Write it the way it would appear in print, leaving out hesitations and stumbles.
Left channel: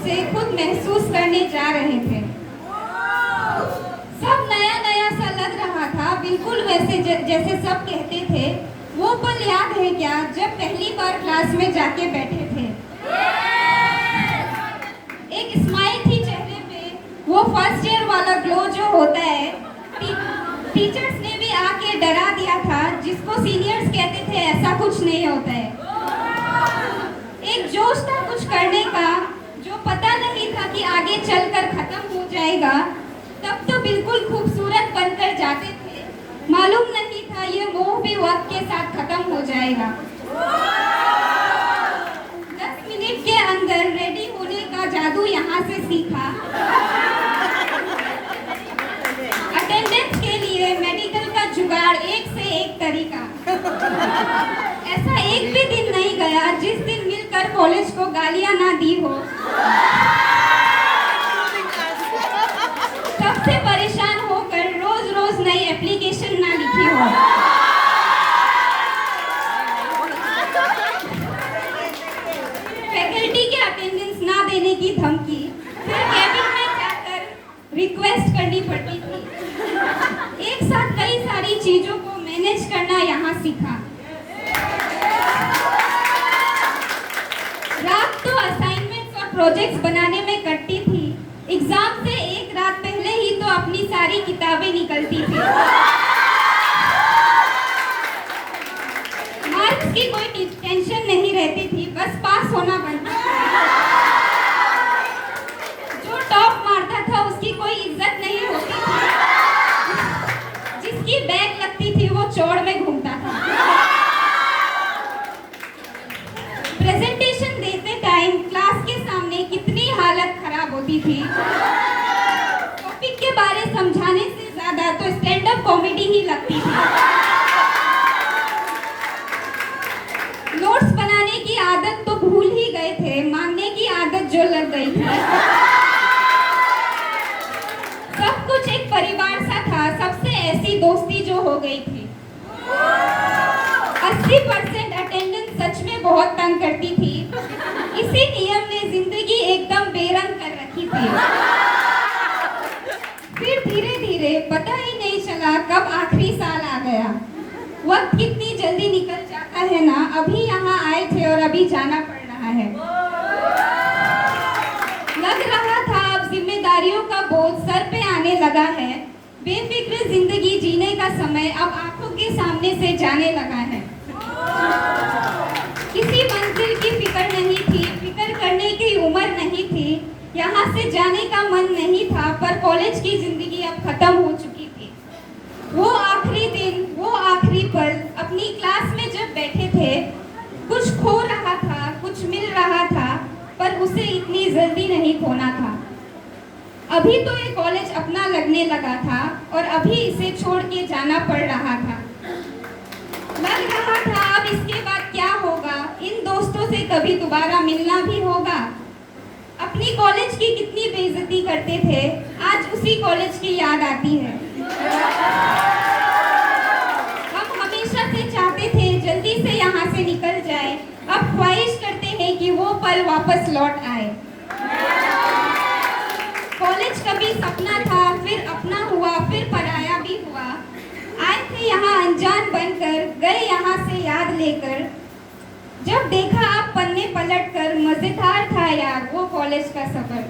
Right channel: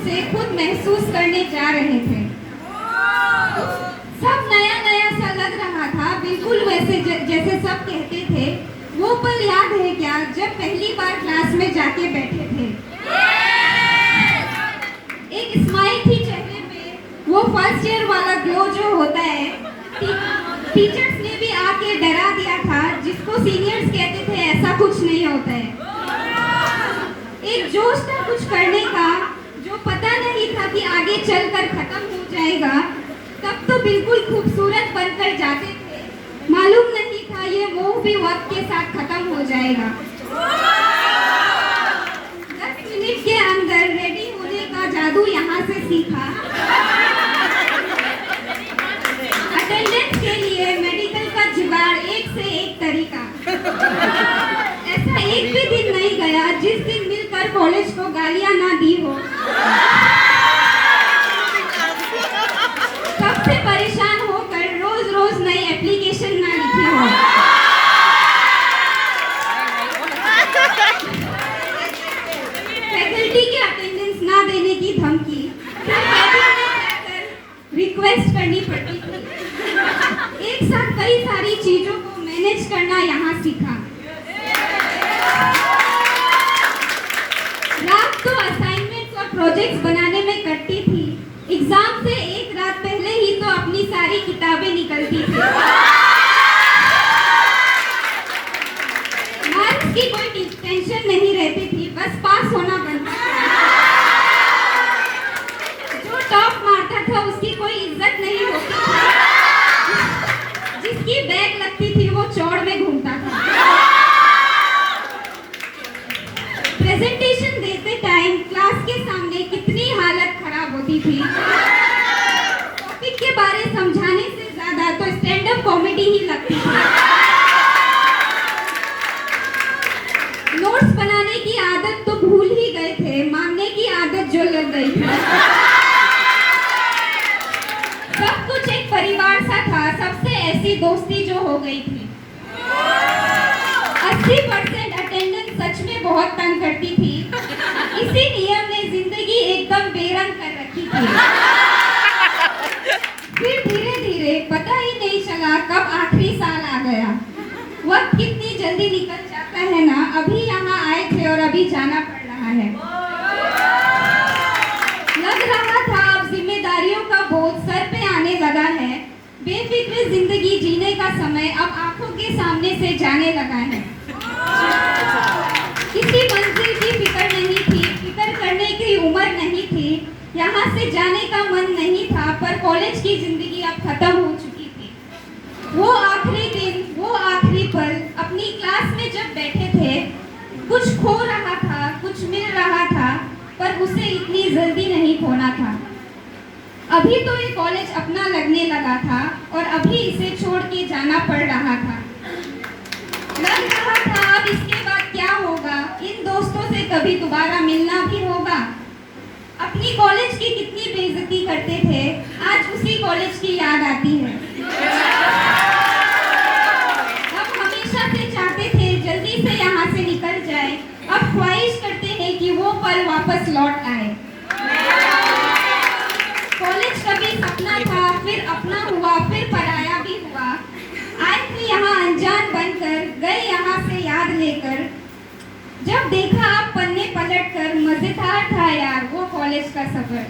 से खुद महसूस करने जा रहे थे। सब नया नया सा लग रहा था, बिल्कुल वैसे जैसे सब कहते थे। वो पल याद है क्या जब पहली बार क्लास में जाके बैठे थे? एक स्माइल थी चेहरे पे, वो फर्स्ट ईयर वाला ग्लो जो होता है। टीचर्स ने भी आके डरा दिया था, जिसको सीनियर्स कहते थे ऐसा कुछ नहीं होता है। एक जोश था कुछ करने का, जो पता नहीं था कि आगे चलकर खत्म हो जाएगा। तब तो बिल्कुल खूबसूरत बनकर जाते थे, मालूम नहीं था ये मोह भी वक्त के साथ खत्म हो जाएगा। 10 मिनट के अंदर रेडी होने का जादू यहाँ से सीखा। अटेंडेंस के लिए मेडिकल का जुगाड़, एक से एक तरीका। ऐसा एक भी दिन नहीं गया जिस दिन मिलकर कॉलेज को गालियां ना दी हो। सबसे परेशान होकर रोज रोज नई एप्लीकेशन ना लिखी हो। फैकल्टी के अटेंडेंस ना देने की धमकी कैबिन में जाकर रिक्वेस्ट करनी पड़ती थी। एक साथ कई सारी चीजों को मैनेज करना यहाँ सीखा। रात तो असाइनमेंट्स और प्रोजेक्ट्स बनाने में कटती थी। एग्जाम से एक रात पहले ही तो अपनी सारी किताबें निकलती थी। मार्क्स की कोई टेंशन नहीं रहती थी, बस पास होना बनता था। जो टॉप मारता था उसकी कोई इज्जत नहीं होती थी। जिसकी बैग लगती थी वो चौड़ में घूमता था। प्रेजेंटेशन देते टाइम क्लास के सामने कितनी हालत खराब होती थी। टॉपिक के बारे समझाने से ज्यादा तो स्टैंड अप कॉमेडी ही लगती थी। नोट्स बनाने की आदत तो भूल ही गए थे, मांगने की आदत जो लग गई थी। सब कुछ एक परिवार सा था, सबसे ऐसी दोस्ती जो हो गई थी। 80% अटेंडेंस सच में बहुत तंग करती थी। इसी नियम ने जिंदगी एकदम बेरंग कर रखी थी। फिर धीरे धीरे पता ही नहीं चला कब आखिरी साल आ गया। वक्त कितनी जल्दी निकल जाता है ना। अभी यहाँ आए थे और अभी जाना पड़ रहा है। लग रहा था अब जिम्मेदारियों का बोझ सर पे आने लगा है। बेफिक्र जिंदगी जीने का समय अब आंखों के सामने से जाने लगा है। किसी मंजिल की फिक्र नहीं थी, फिक्र करने की उम्र नहीं थी। यहाँ से जाने का मन नहीं था, पर कॉलेज की जिंदगी अब खत्म हो चुकी थी। वो आखिरी दिन, वो आखिरी पल अपनी क्लास में जब बैठे थे, कुछ खो रहा था, कुछ मिल रहा था, पर उसे इतनी जल्दी नहीं खोना था। अभी तो ये कॉलेज अपना लगने लगा था और अभी इसे छोड़ के जाना पड़ रहा था। लग रहा था अब इसके बाद क्या होगा, इन दोस्तों से कभी दोबारा मिलना भी होगा। अपनी कॉलेज की कितनी बेइज्जती करते थे, आज उसी कॉलेज की याद आती है। हम हमेशा से चाहते थे जल्दी से यहाँ से निकल जाए, अब ख्वाहिश करते हैं कि वो पल वापस लौट आए। कॉलेज कभी सपना था, फिर अपना हुआ, फिर पराया भी हुआ। आए थे यहाँ अनजान बनकर, गए यहाँ से याद लेकर। जब देखा आप पन्ने पलट कर, मजेदार था यार वो कॉलेज का सफर।